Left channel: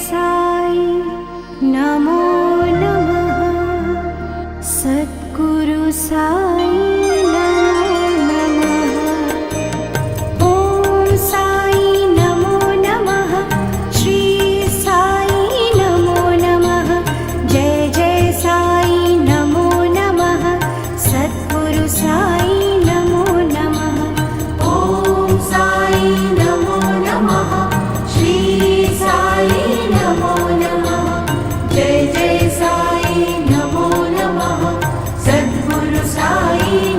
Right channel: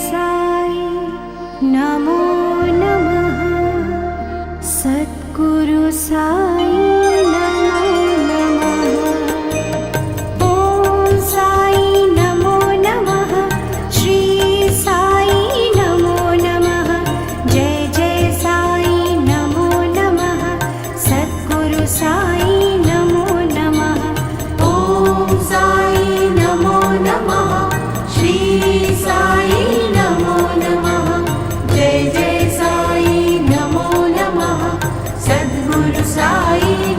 साई नमो नमः। सद्गुरु साई नमो नमः। ॐ साई नमो नमः। श्री साई नमो नमः। जय जय साई नमो नमः। सद्गुरु साई नमो नमः। ॐ साई नमो नमः। श्री साई नमो नमः। जय जय साई नमो नमः। सद्गुरु साई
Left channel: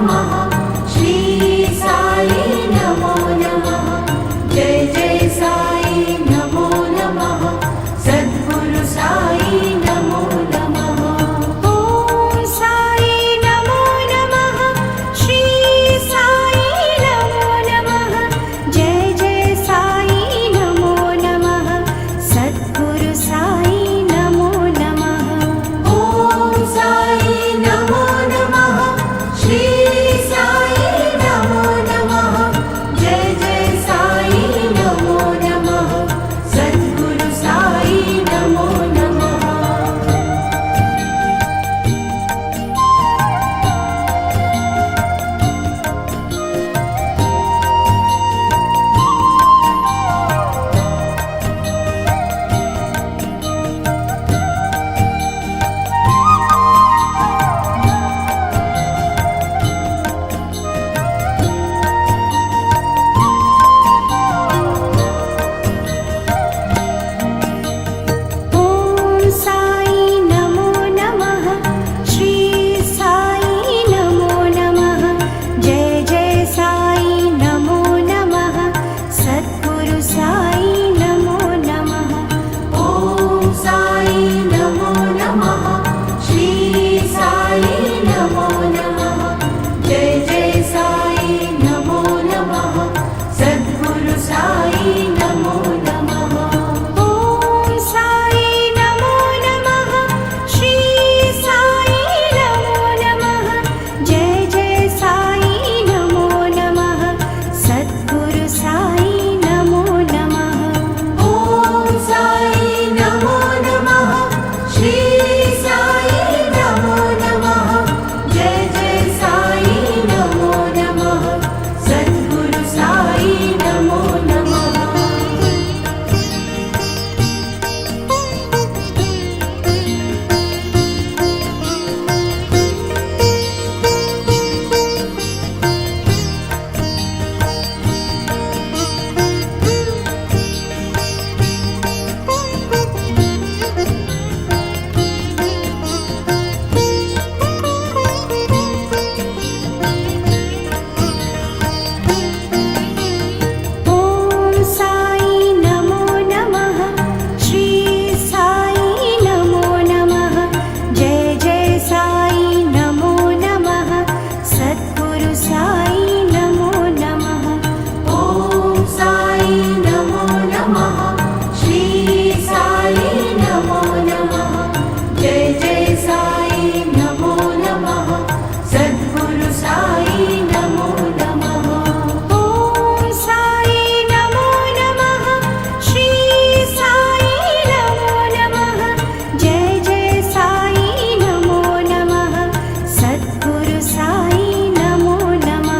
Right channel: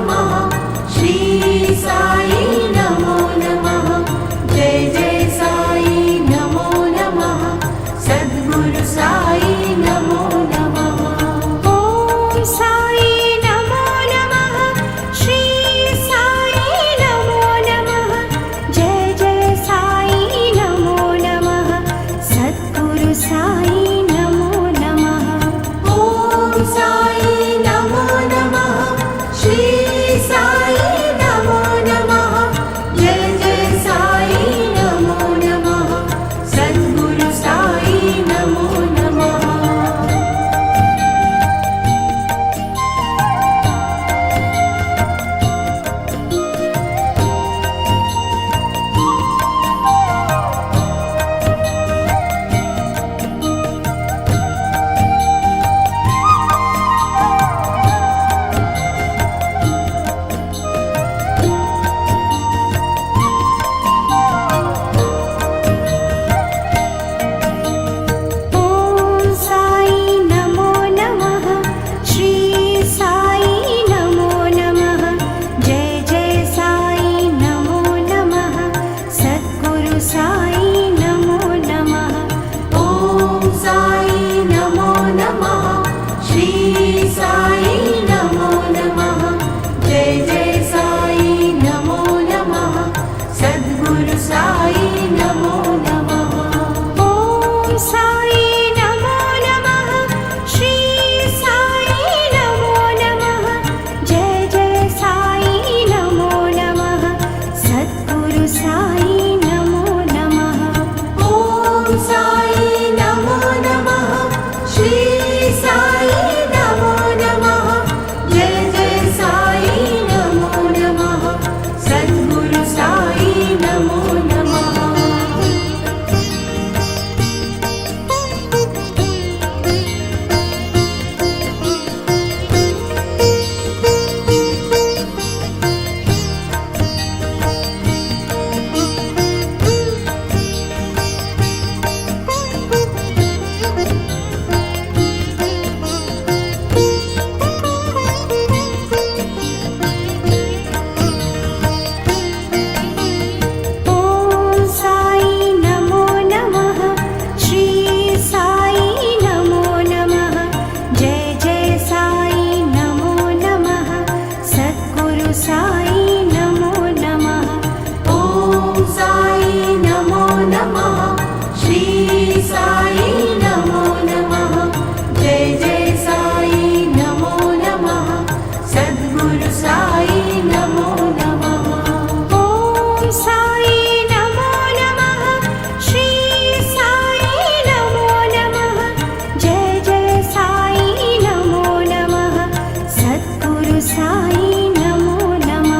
नमः श्री साई नमो नमः जय जय साई नमो नमः सद्गुरु साई नमो नमः ॐ साई नमो नमः श्री साई नमो नमः जय जय साई नमो नमः सद्गुरु साई नमो नमः ॐ साई नमो नमः श्री साई नमो नमः जय जय साई नमो नमः सद्गुरु साई नमो नमः ॐ साई नमो नमः श्री साई नमो नमः जय जय साई नमो नमः सद्गुरु साई नमो नमः ॐ साई नमो नमः श्री साई नमो नमः जय जय साई नमो नमः सद्गुरु साई नमो नमः ॐ साई नमो नमः श्री साई नमो नमः जय जय साई नमो नमः सद्गुरु साई नमो नमः ॐ साई नमो नमः श्री साई नमो नमः जय जय साई नमो नमः सद्गुरु साई नमो नमः ॐ साई नमो नमः श्री साई नमो नमः जय जय साई नमो नमः सद्गुरु साई नमो नमः ॐ साई नमो नमः श्री साई नमो नमः जय जय साई नमो नमः सद्गुरु साई नमो नमः ॐ साई नमो नमः श्री साई नमो नमः जय जय साई नमो नमः सद्गुरु साई नमो नमः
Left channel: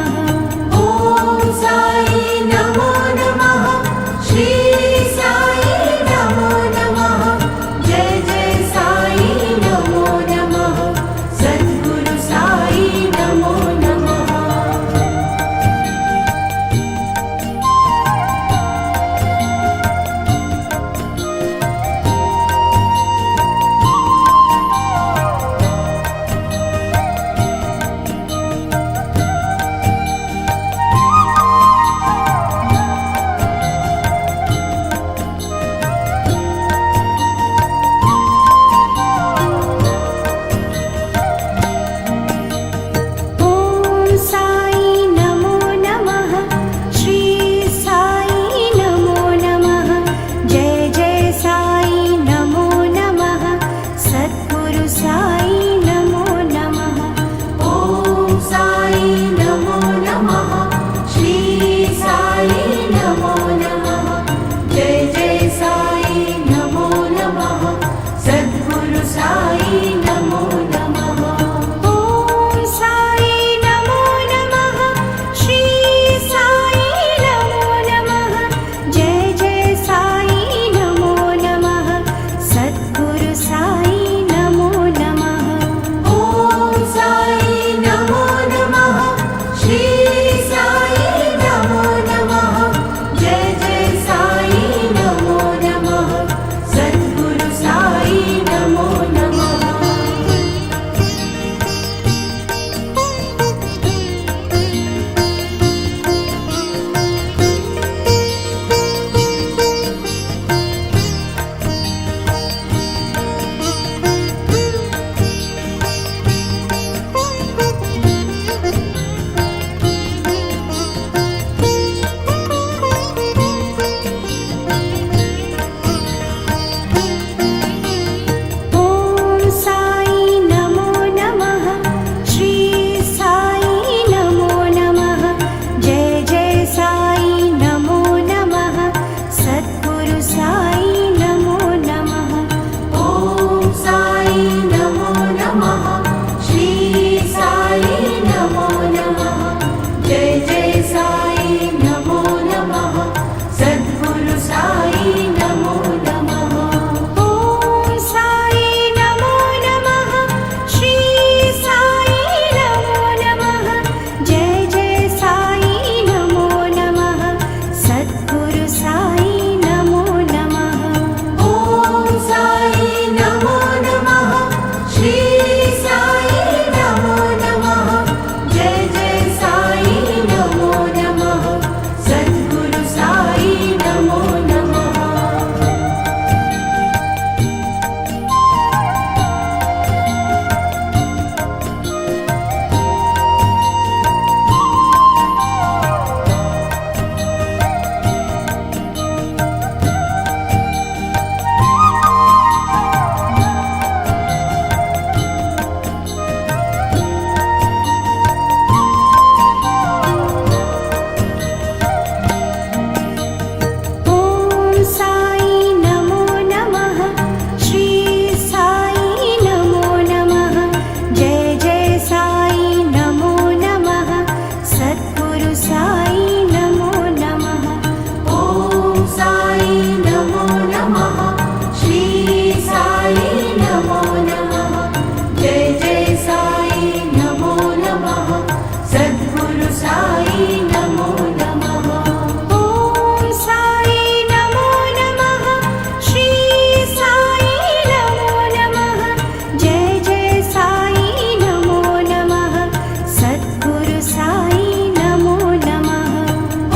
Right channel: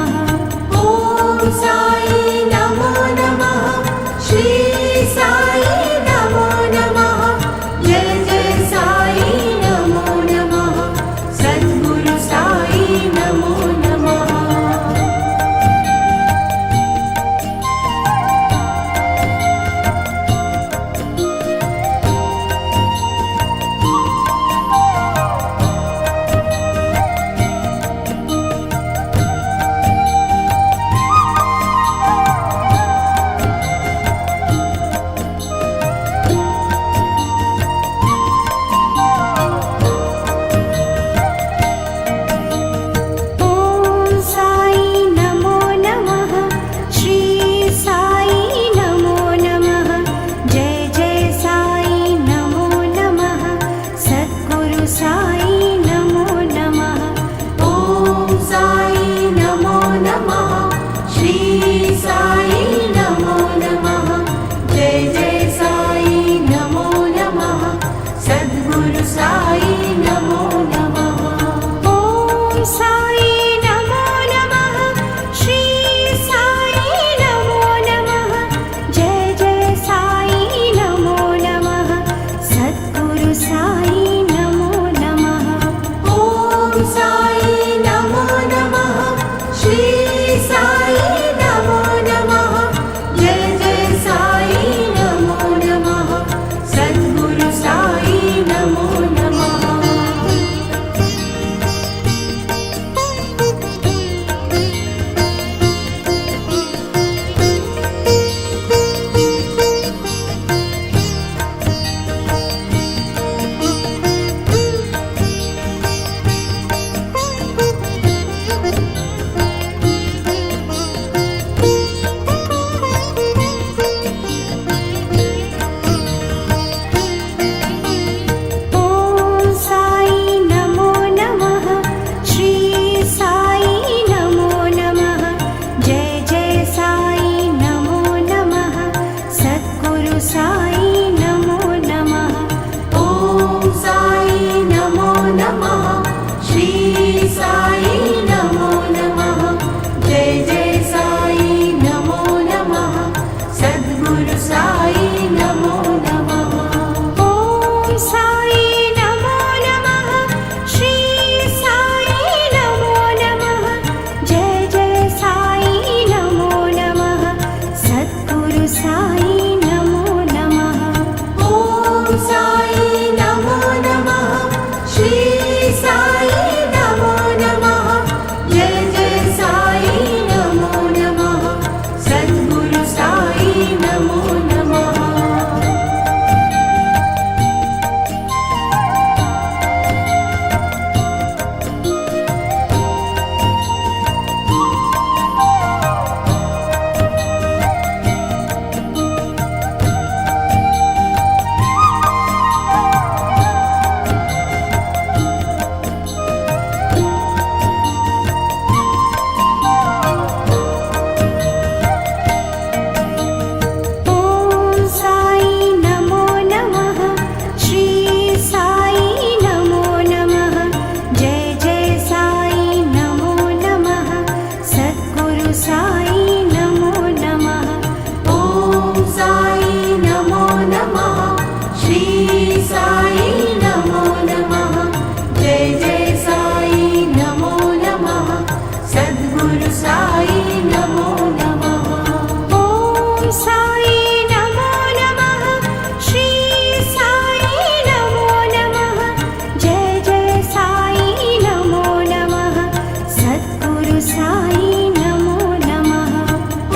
साई नमो नमः।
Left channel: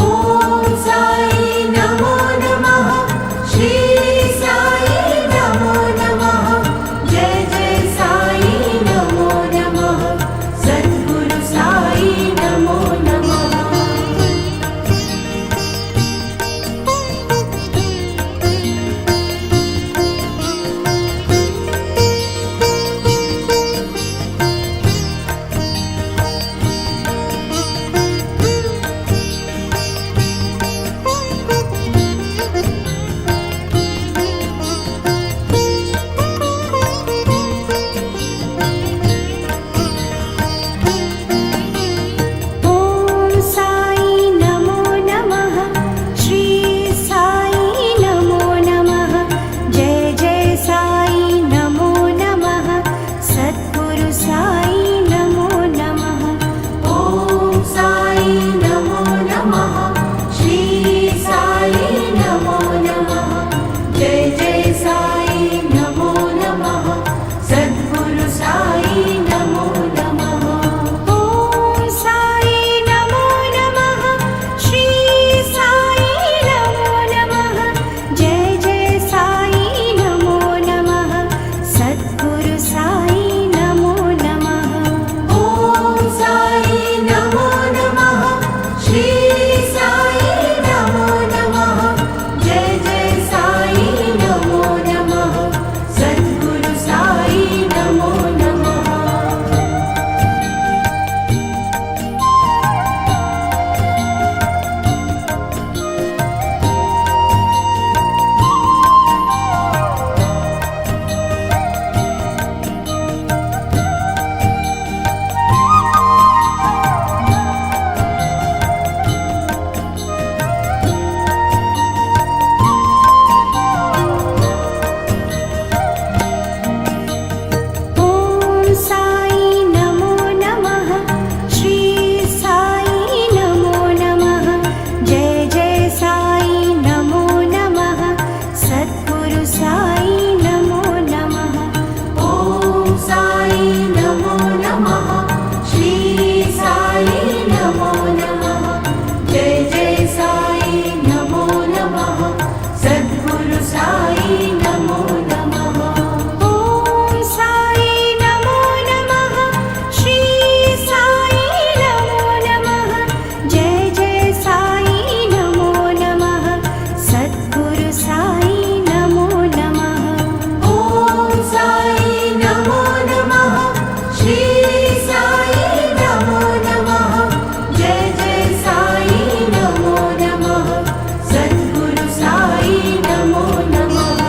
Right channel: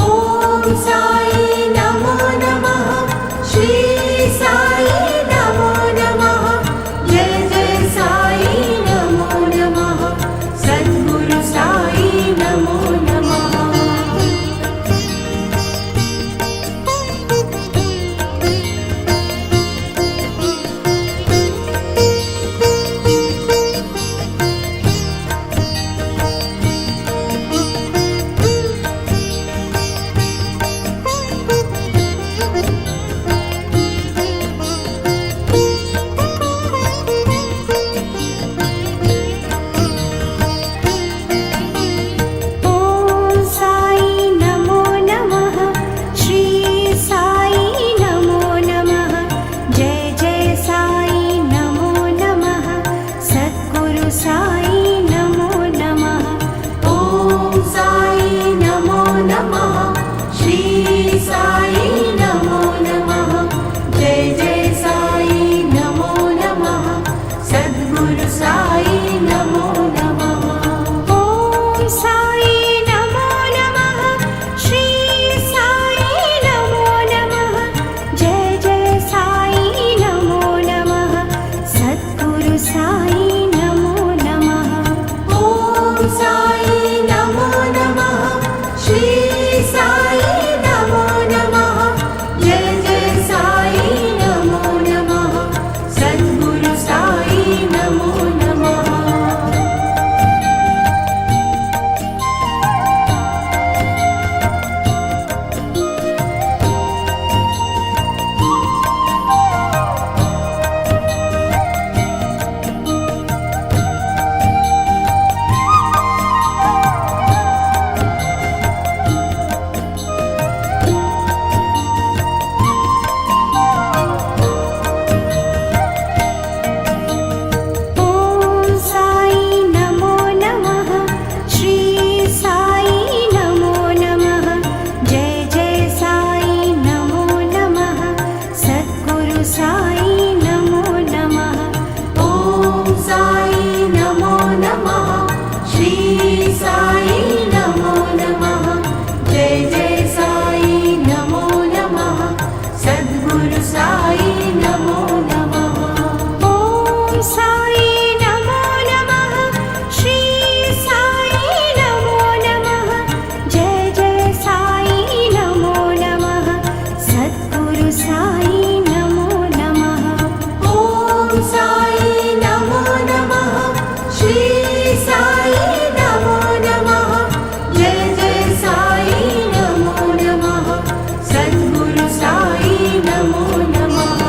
ॐ साई नमो नमः। श्री साई नमो नमः। जय जय साई नमो नमः। सद्गुरु साई नमो नमः। ॐ साई नमो नमः। श्री साई नमो नमः। जय जय साई नमो नमः। सद्गुरु साई नमो नमः। ॐ साई नमो नमः। श्री साई नमो नमः। जय जय साई नमो नमः। सद्गुरु साई नमो नमः। ॐ साई नमो नमः। श्री साई नमो नमः। जय जय साई नमो नमः। सद्गुरु साई नमो नमः। ॐ साई नमो नमः। श्री साई नमो नमः। जय जय साई नमो नमः। सद्गुरु साई नमो नमः। ॐ साई नमो नमः। श्री साई नमो नमः। जय जय साई नमो नमः। सद्गुरु साई नमो नमः। ॐ साई नमो नमः। श्री साई नमो नमः। जय जय साई नमो नमः। सद्गुरु साई नमो नमः। ॐ साई नमो नमः। श्री साई नमो नमः। जय जय साई नमो नमः। सद्गुरु साई नमो नमः। ॐ साई नमो नमः। श्री साई नमो नमः। जय जय साई नमो नमः। सद्गुरु साई नमो नमः।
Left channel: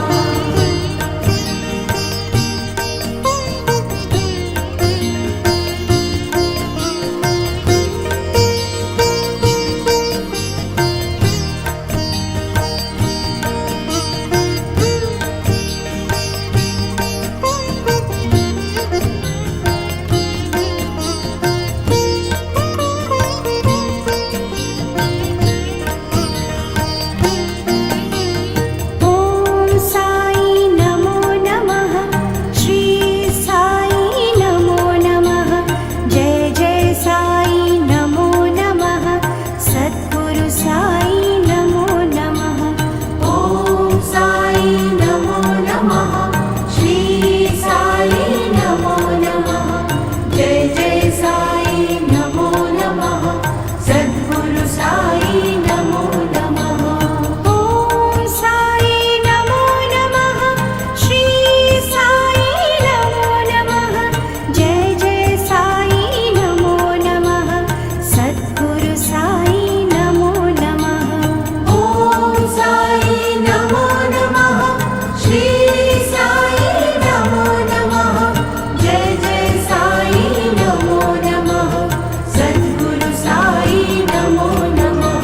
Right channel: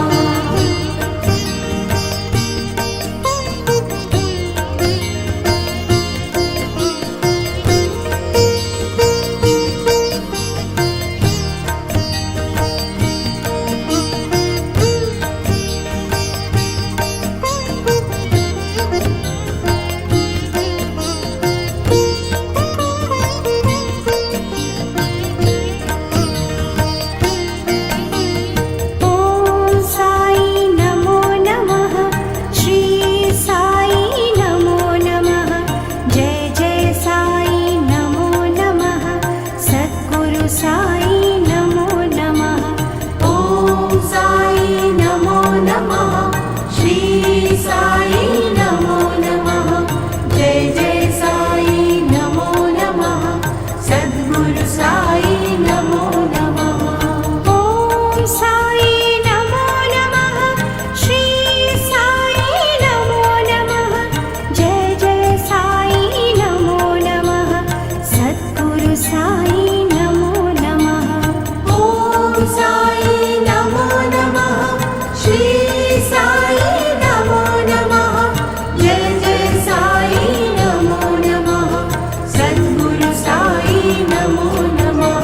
ॐ साई नमो नमः। श्री साई नमो नमः। जय जय साई नमो नमः। सद्गुरु साई नमो नमः। ॐ साई नमो नमः। श्री साई नमो नमः। जय जय साई नमो नमः। सद्गुरु साई नमो नमः। ॐ साई नमो नमः। श्री साई नमो नमः। जय जय साई नमो नमः। सद्गुरु साई नमो नमः। ॐ साई नमो नमः। श्री साई नमो नमः। जय जय साई नमो नमः। सद्गुरु साई नमो नमः।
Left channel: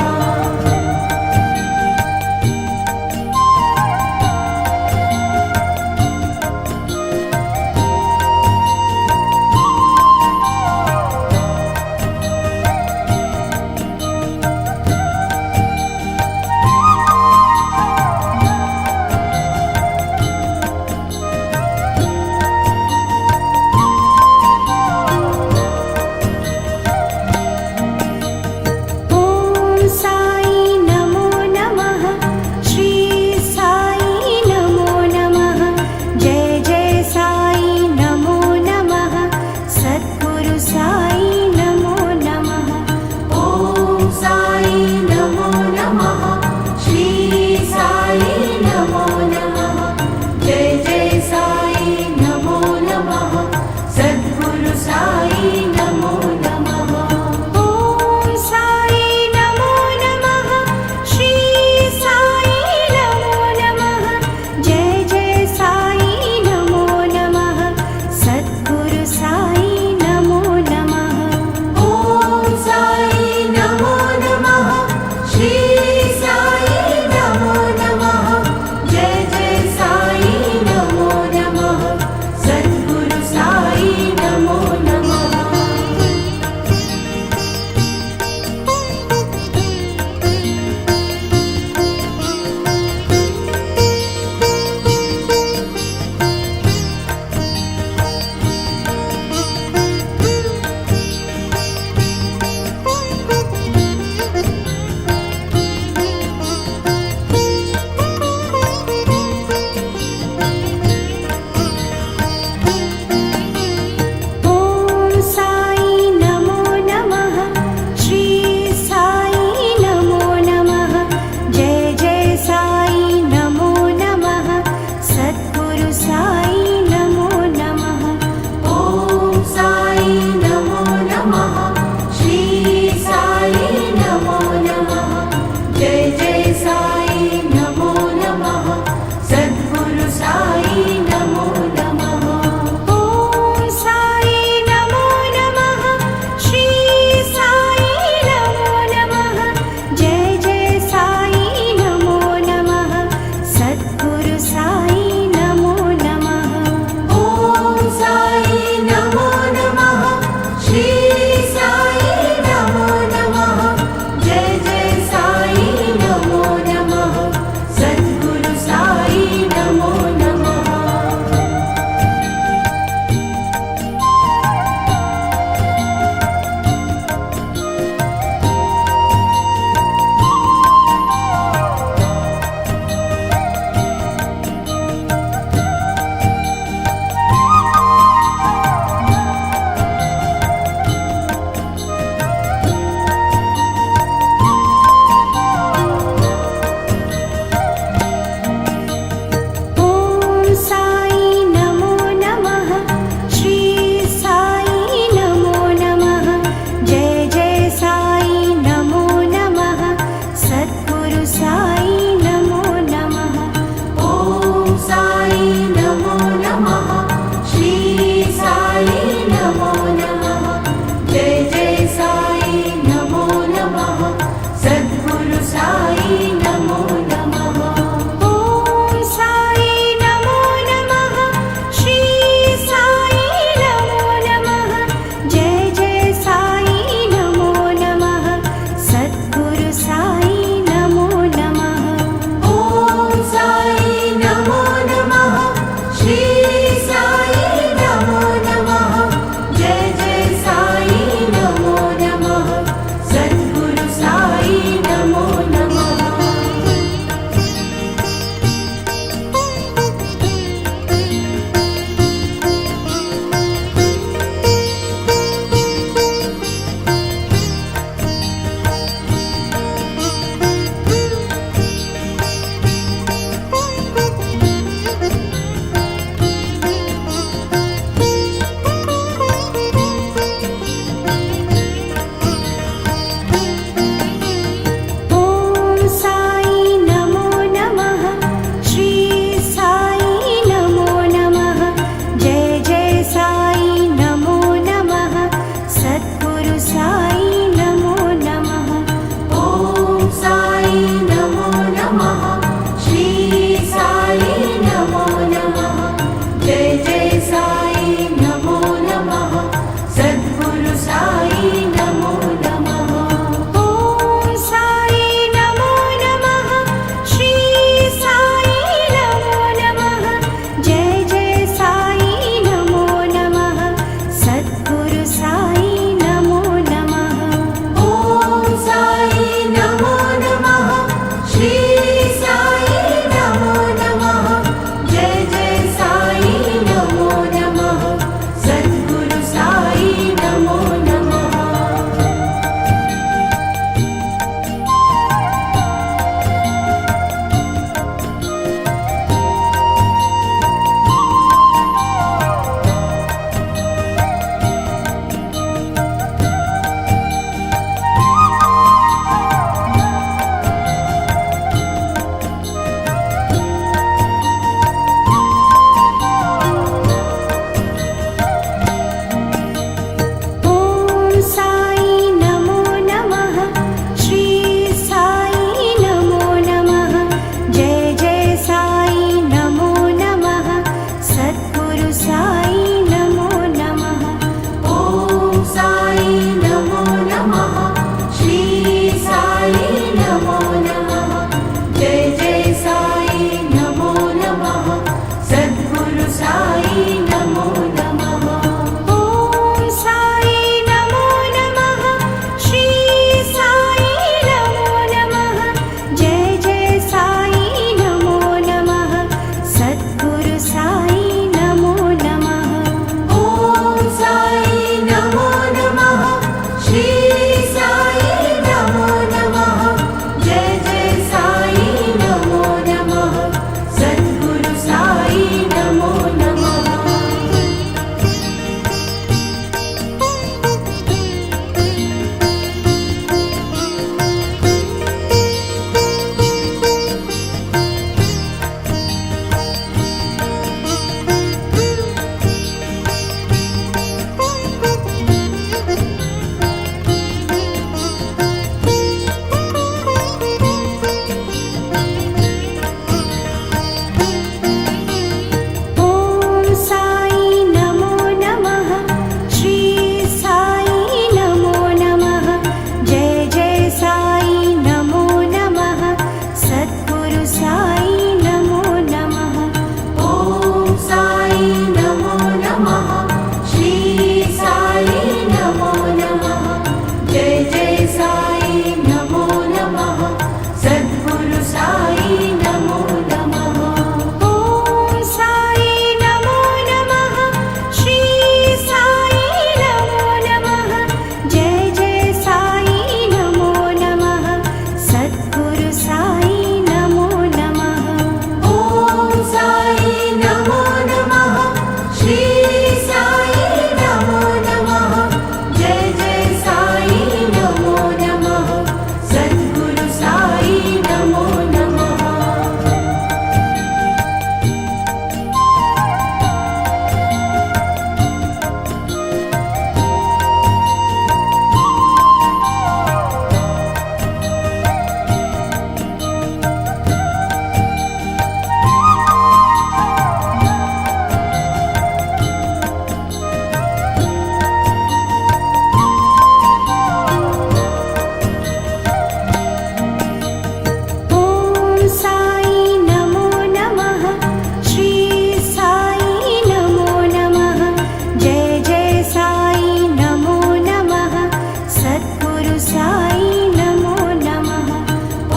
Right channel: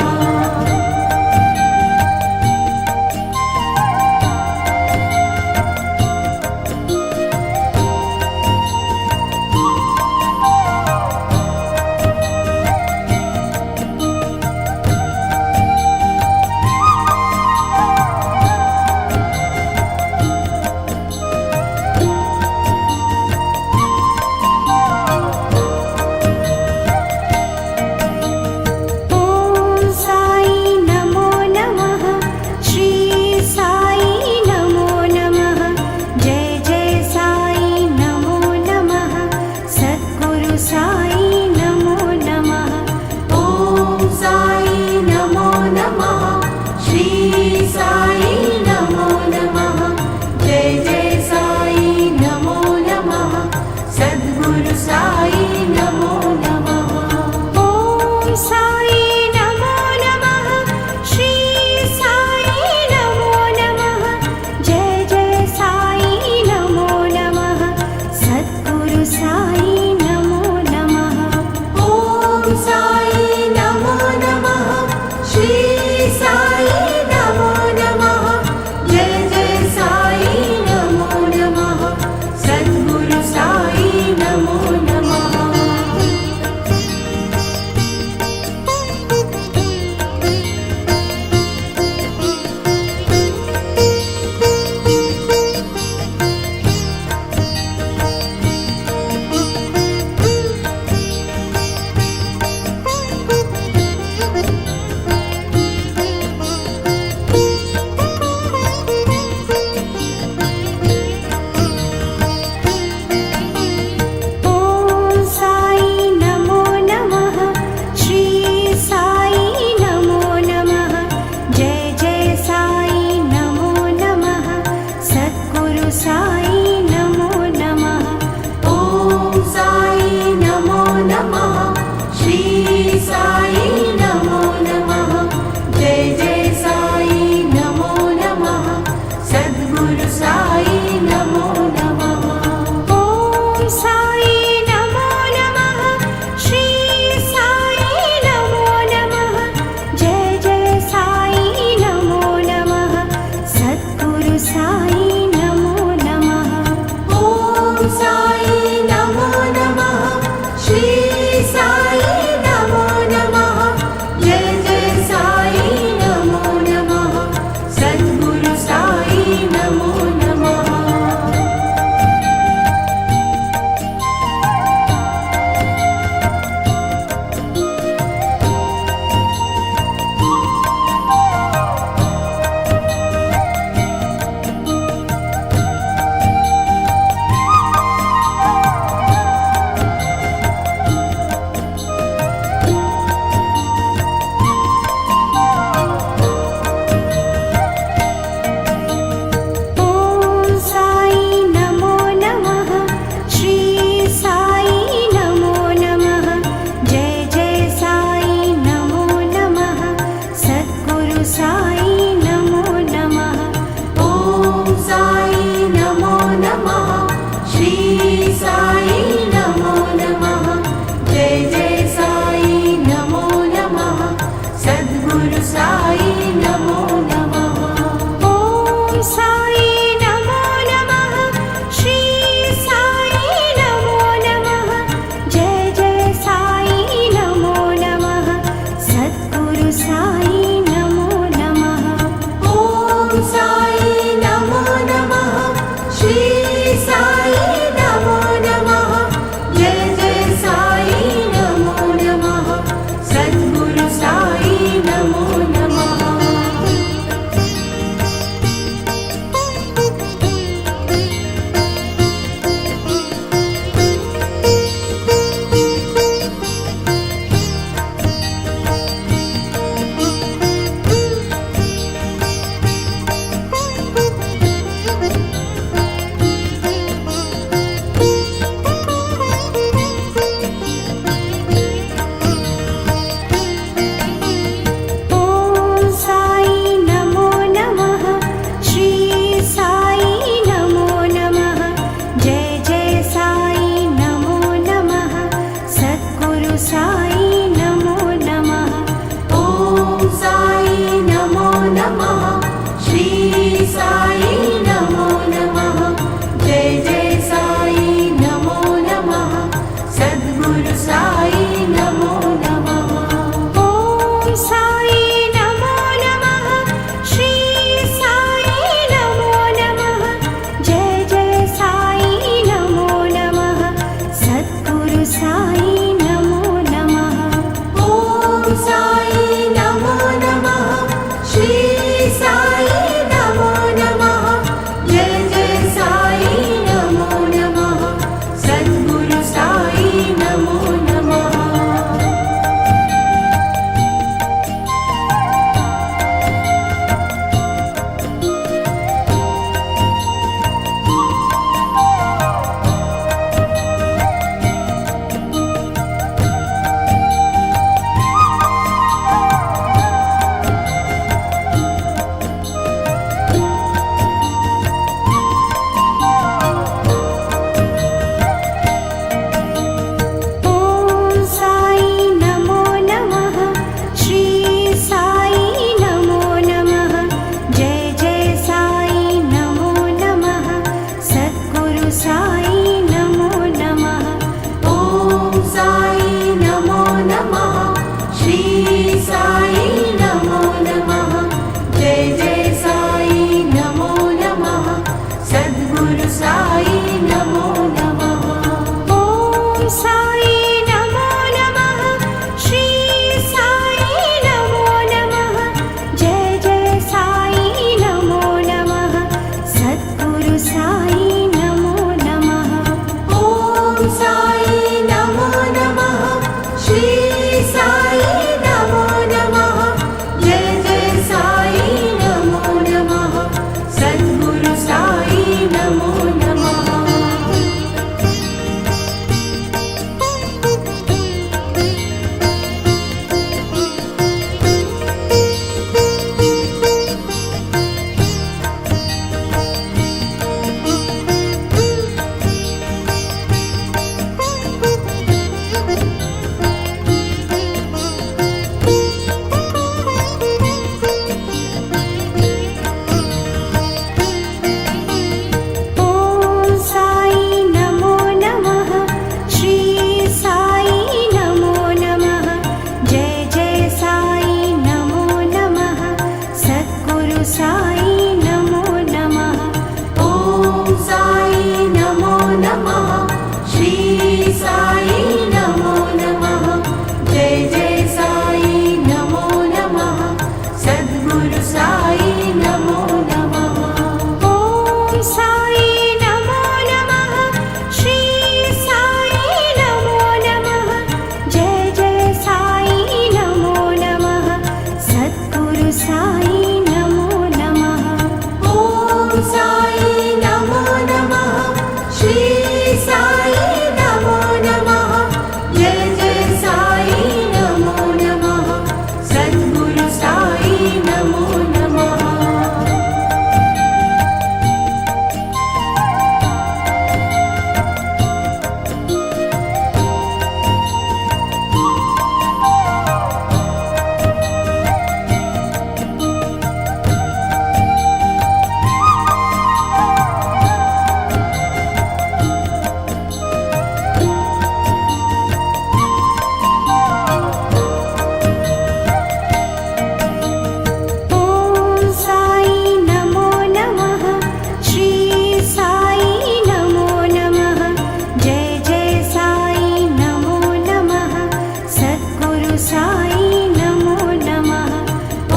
साई नमो नमः।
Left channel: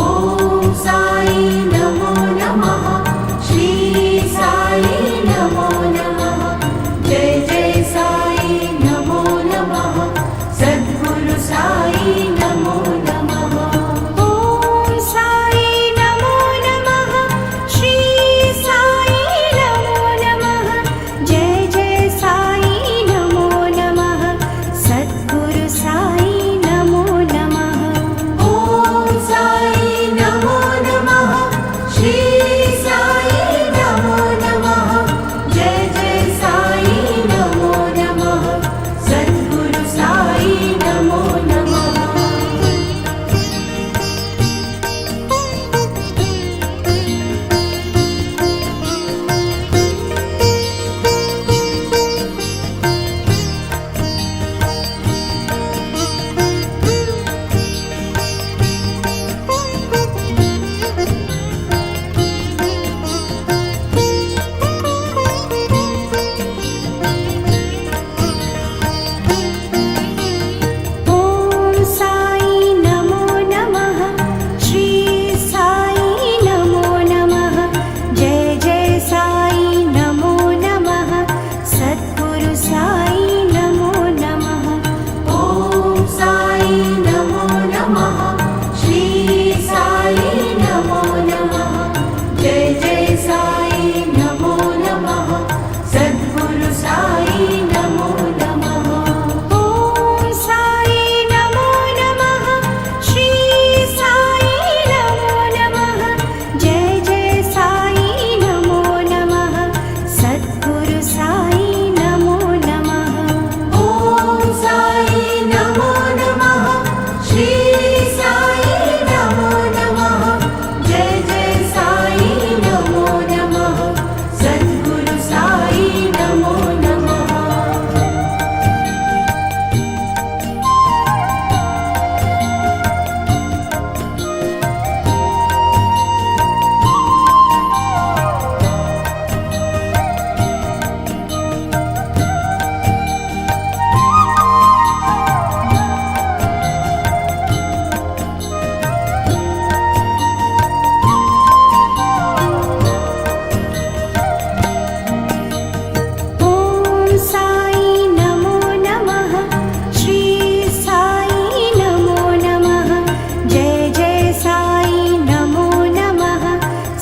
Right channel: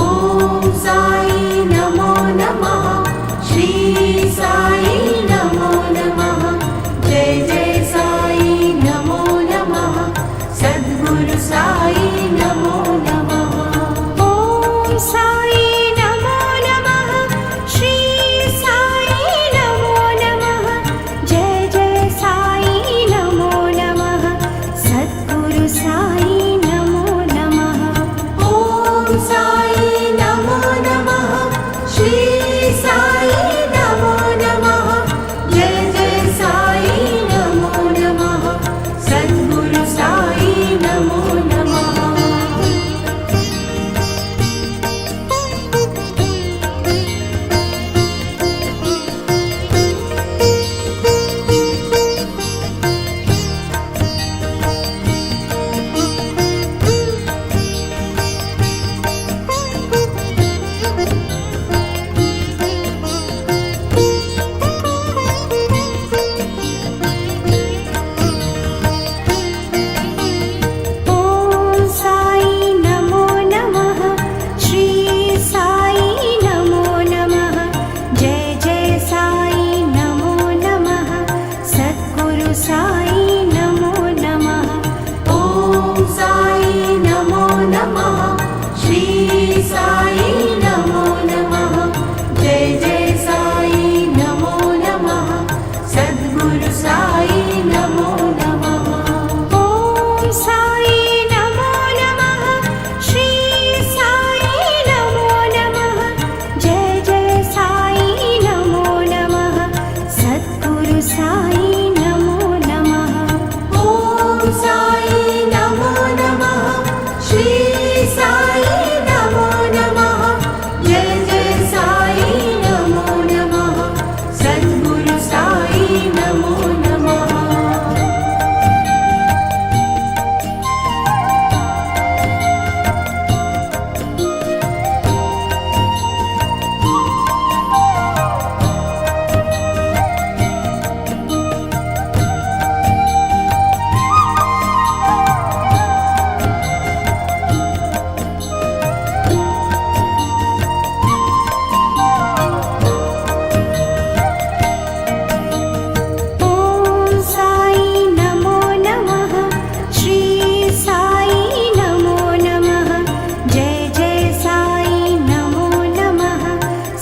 ॐ साई नमो नमः। श्री साई नमो नमः। जय जय साई नमो नमः। सद्गुरु साई नमो नमः। ॐ साई नमो नमः। श्री साई नमो नमः। जय जय साई नमो नमः। सद्गुरु साई नमो नमः। ॐ साई नमो नमः। श्री साई नमो नमः। जय जय साई नमो नमः। सद्गुरु साई नमो नमः। ॐ साई नमो नमः। श्री साई नमो नमः। जय जय साई नमो नमः। सद्गुरु साई नमो नमः। ॐ साई नमो नमः। श्री साई नमो नमः। जय जय साई नमो नमः। सद्गुरु साई नमो नमः। ॐ साई नमो नमः। श्री साई नमो नमः। जय जय साई नमो नमः। सद्गुरु साई नमो नमः। ॐ साई नमो नमः। श्री साई नमो नमः। जय जय साई नमो नमः। सद्गुरु साई नमो नमः। ॐ साई नमो नमः। श्री साई नमो नमः। जय जय साई नमो नमः।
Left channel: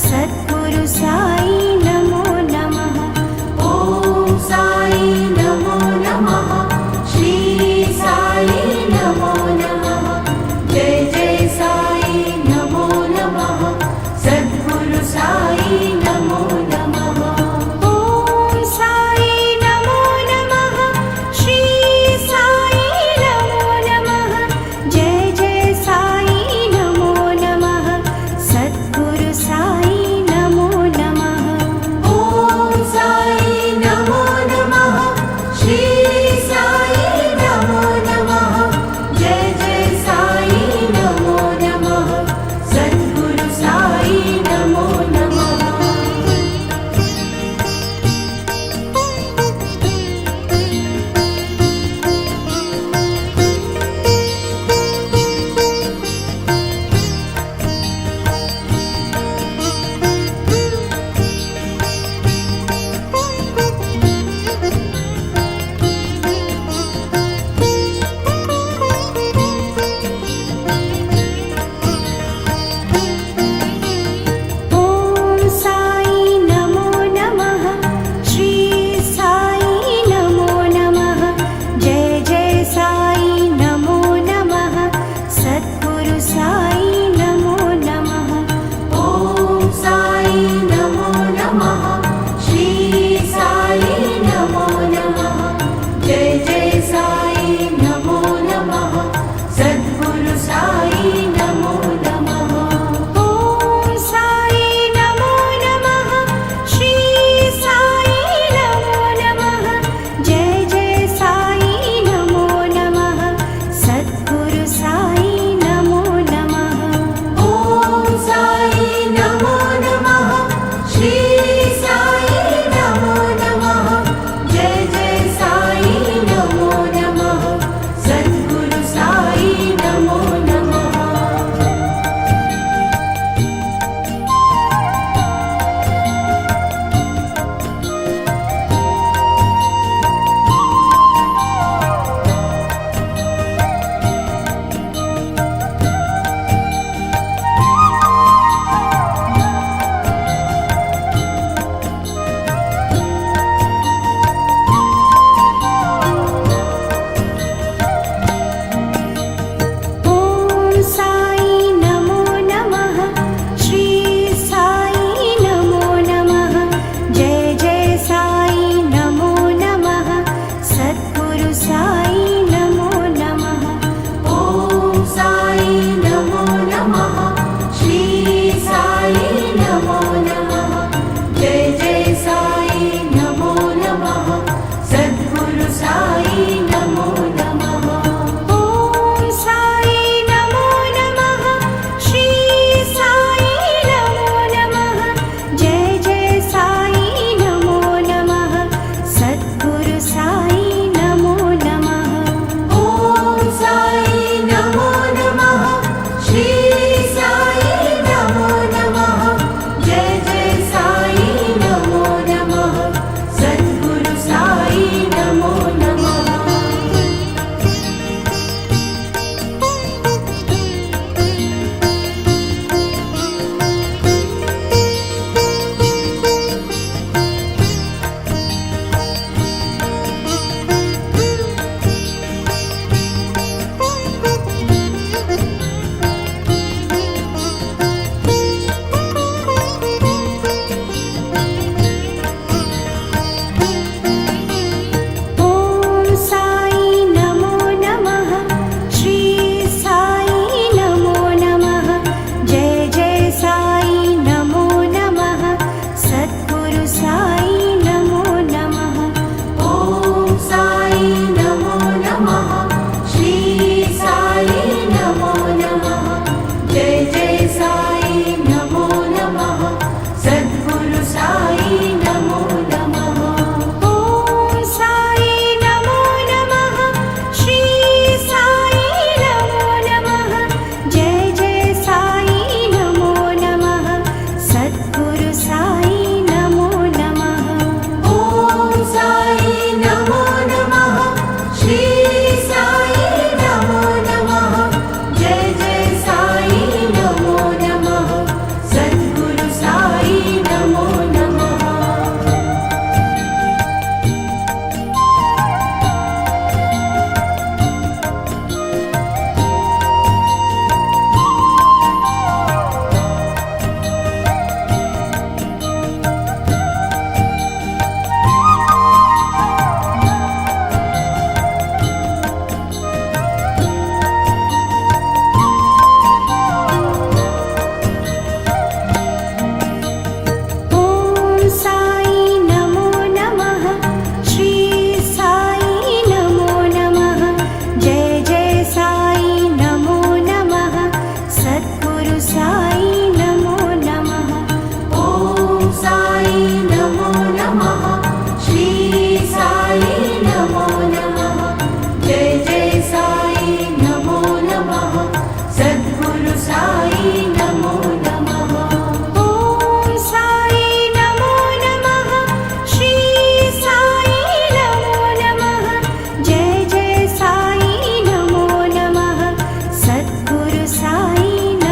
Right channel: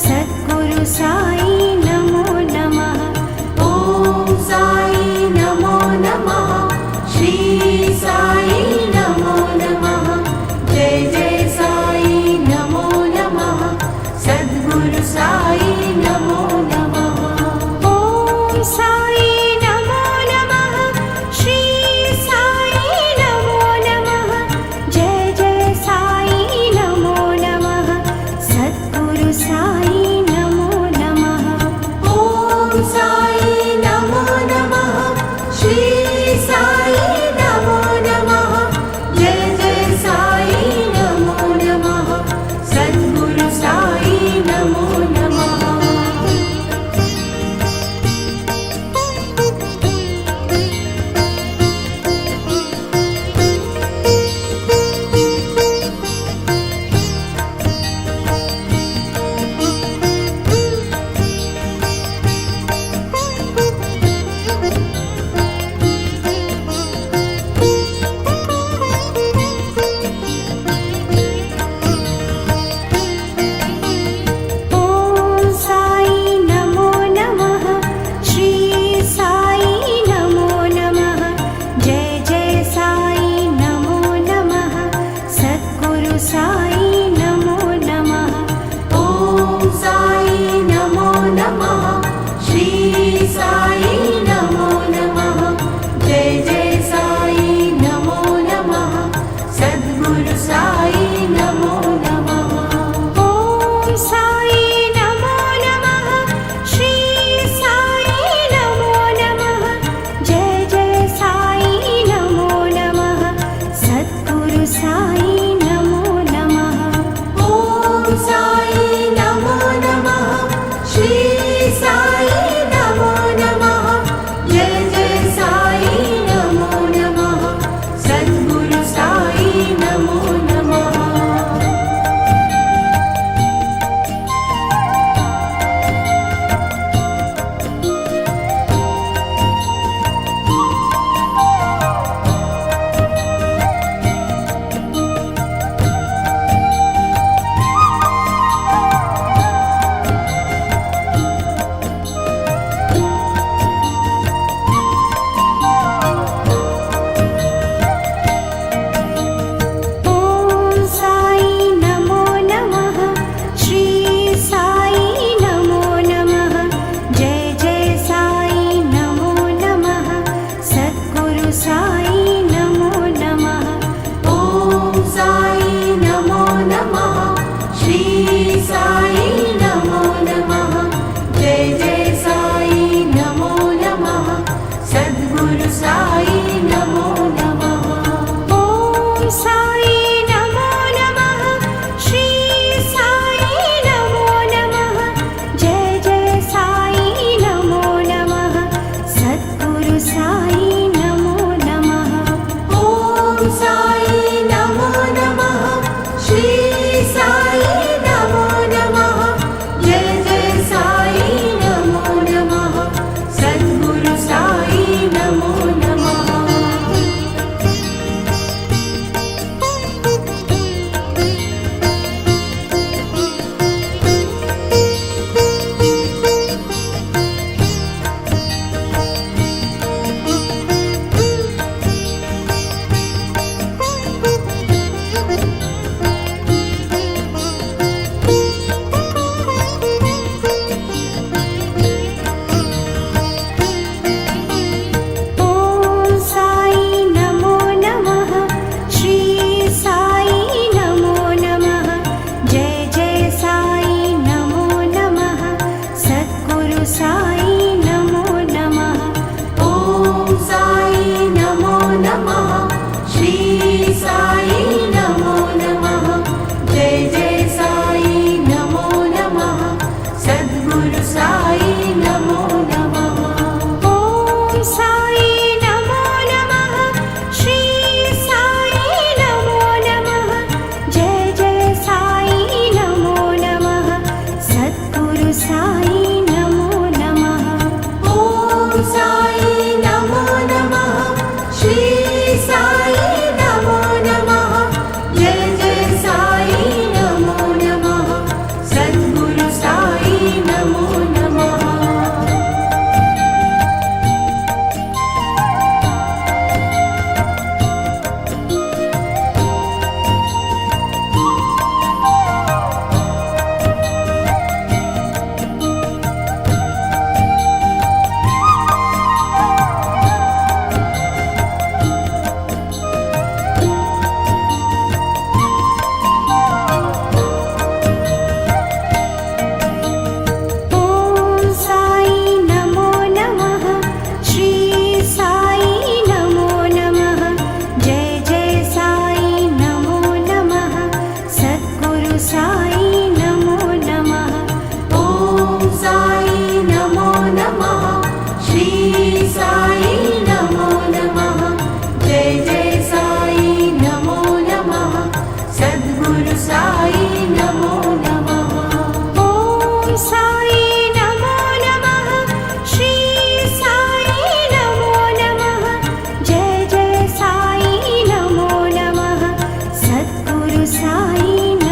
सद्गुरु साई नमो नमः। ॐ साई नमो नमः। श्री साई नमो नमः। जय जय साई नमो नमः। सद्गुरु साई नमो नमः। ॐ साई नमो नमः। श्री साई नमो नमः। जय जय साई नमो नमः। सद्गुरु साई नमो नमः। ॐ साई नमो नमः। श्री साई नमो नमः। जय जय साई नमो नमः। सद्गुरु साई नमो नमः। ॐ साई नमो नमः। श्री साई नमो नमः। जय जय साई नमो नमः। सद्गुरु साई नमो नमः। ॐ साई नमो नमः। श्री साई नमो नमः। जय जय साई नमो नमः। सद्गुरु साई नमो नमः। ॐ साई नमो नमः। श्री साई नमो नमः। जय जय साई नमो नमः। सद्गुरु साई नमो नमः। ॐ साई नमो नमः। श्री साई नमो नमः। जय जय साई नमो नमः। सद्गुरु साई नमो साई